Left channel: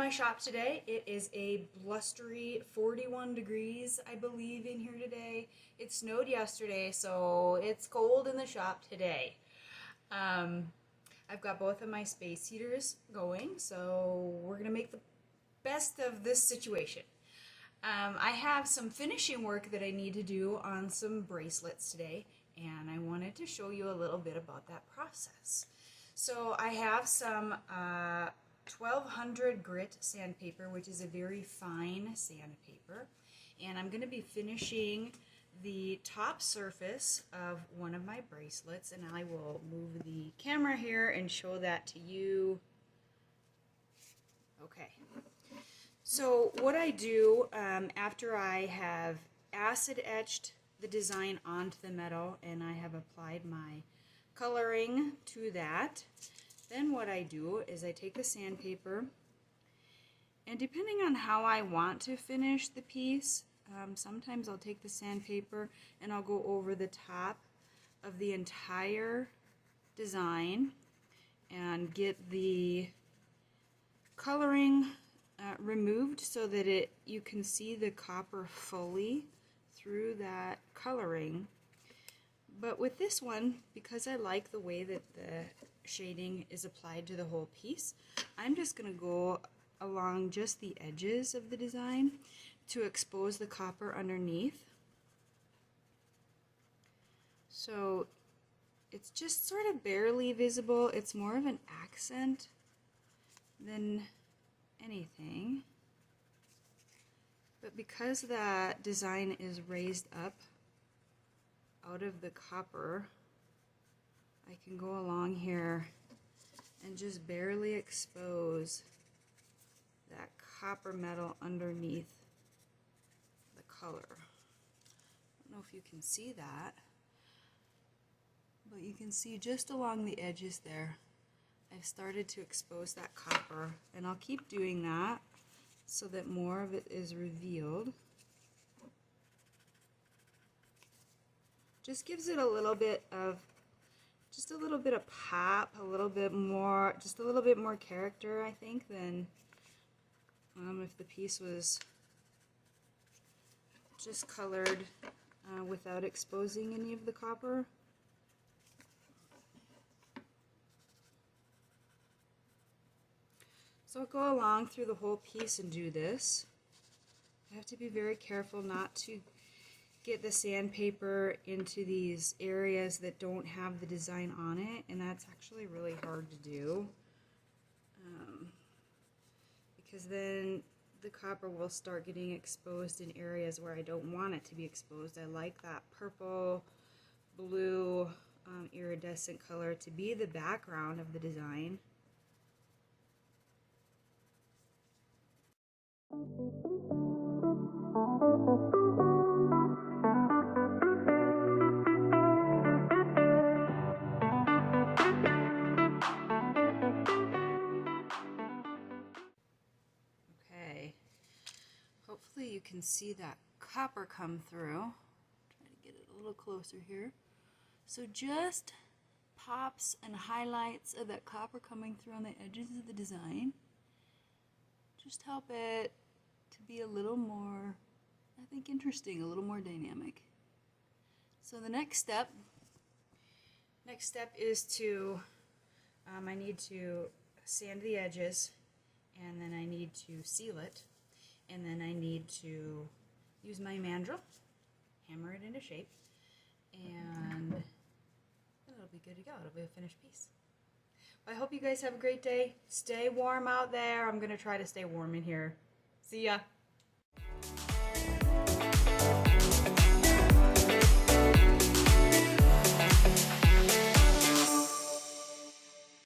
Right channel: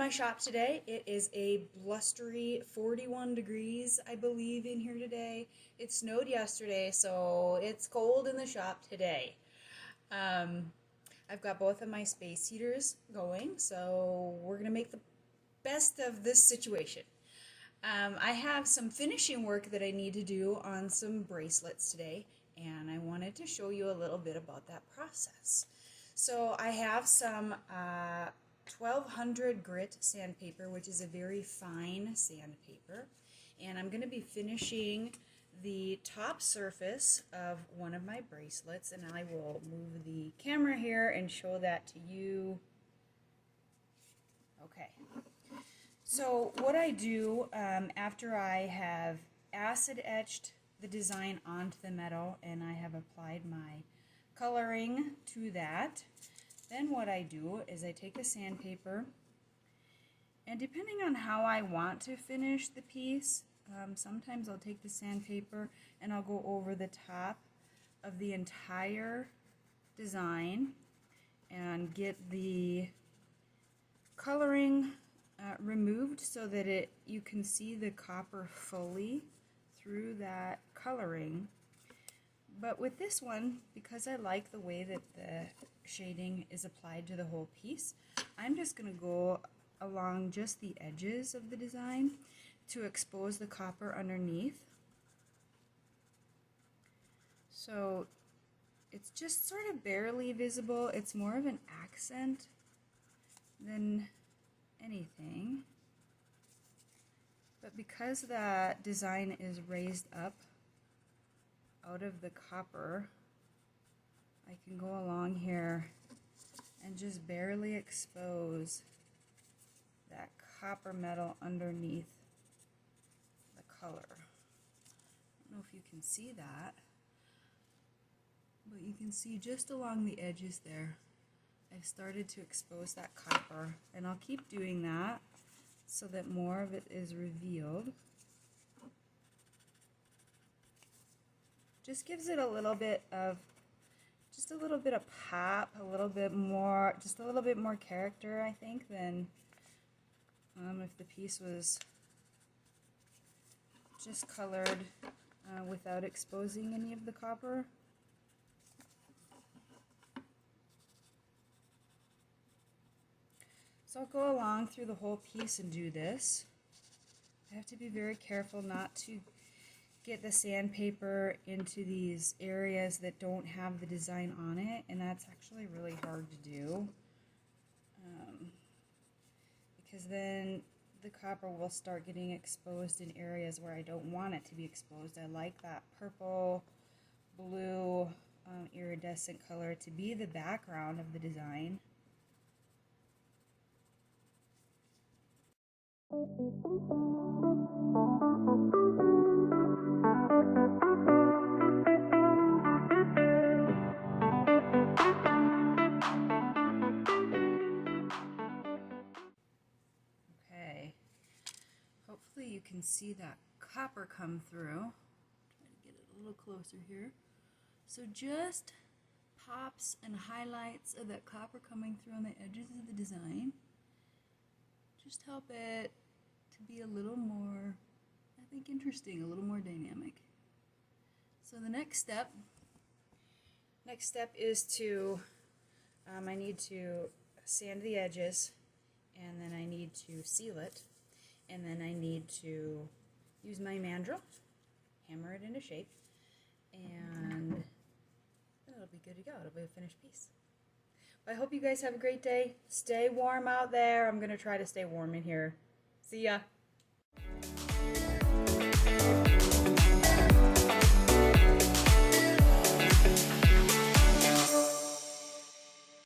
my shop today. It is a blustery 41 degrees, I believe, in here today. It snowed yesterday, so it's cold in the shop today. I've got both of my space heaters going, so we're going to make the best of this situation. I have some finishing work that I need to do on some bracelets today, and I wanted to show you a little bit about that process. So I have some 1200 grit sandpaper, which is a very fine sandpaper, and I'm going to be finishing the top surface of one of my bracelets, and I will move the camera here and show that to you. Okay. So what I do after I have acid etched the design onto the metal and I have applied my coloring to that, then what I do is I take the sandpaper, and depending on how I want to finish the piece, sometimes I'll take the sandpaper and I'll go over the top of the entire design and get the coloring removed so that you can see the copper fully through that coloring. But with this one, because I like the way that the shading is applied to the whole piece, I'm just going to go along just the edges of the design to expose the copper underneath. So it's just sort of barely visible. It's more of an accent than anything. But because that design is raised up out of the copper, I can go along here and just barely expose that copper metal underneath the color. I don't know if you can see that, but you can see just along the edges there, I've started to expose that copper, and I'll keep doing that so that more of it is revealed. Just gives it a little bit of pop, a little bit more, just a little bit more character, I think, than if the piece was just colored without exposing any of the copper. So I'll go along through the whole piece and do this. I have to be very careful not to get the sandpaper into these areas that don't have the design on it, and that's actually really hard to do because then the copper will start getting exposed in areas where I don't want it to be exposed. I like that purple, blue, iridescent color to be the background of the design. Okay, hopefully you can see that copper come through. Try to get it a little closer here. So just pops and highlights of that copper coming through on the edges of the design just help it to be a little more, I think, interesting, a little more dynamic. So the next step is to, I need to sand the edges, and then I need to seal it, and then I need to use my mandrel, hammer it into shape, and then it'll be good to go. It'll be a finished piece. I hope you guys have a great day. Stay warm out there. I'm going to try to stay warm in here. See ya.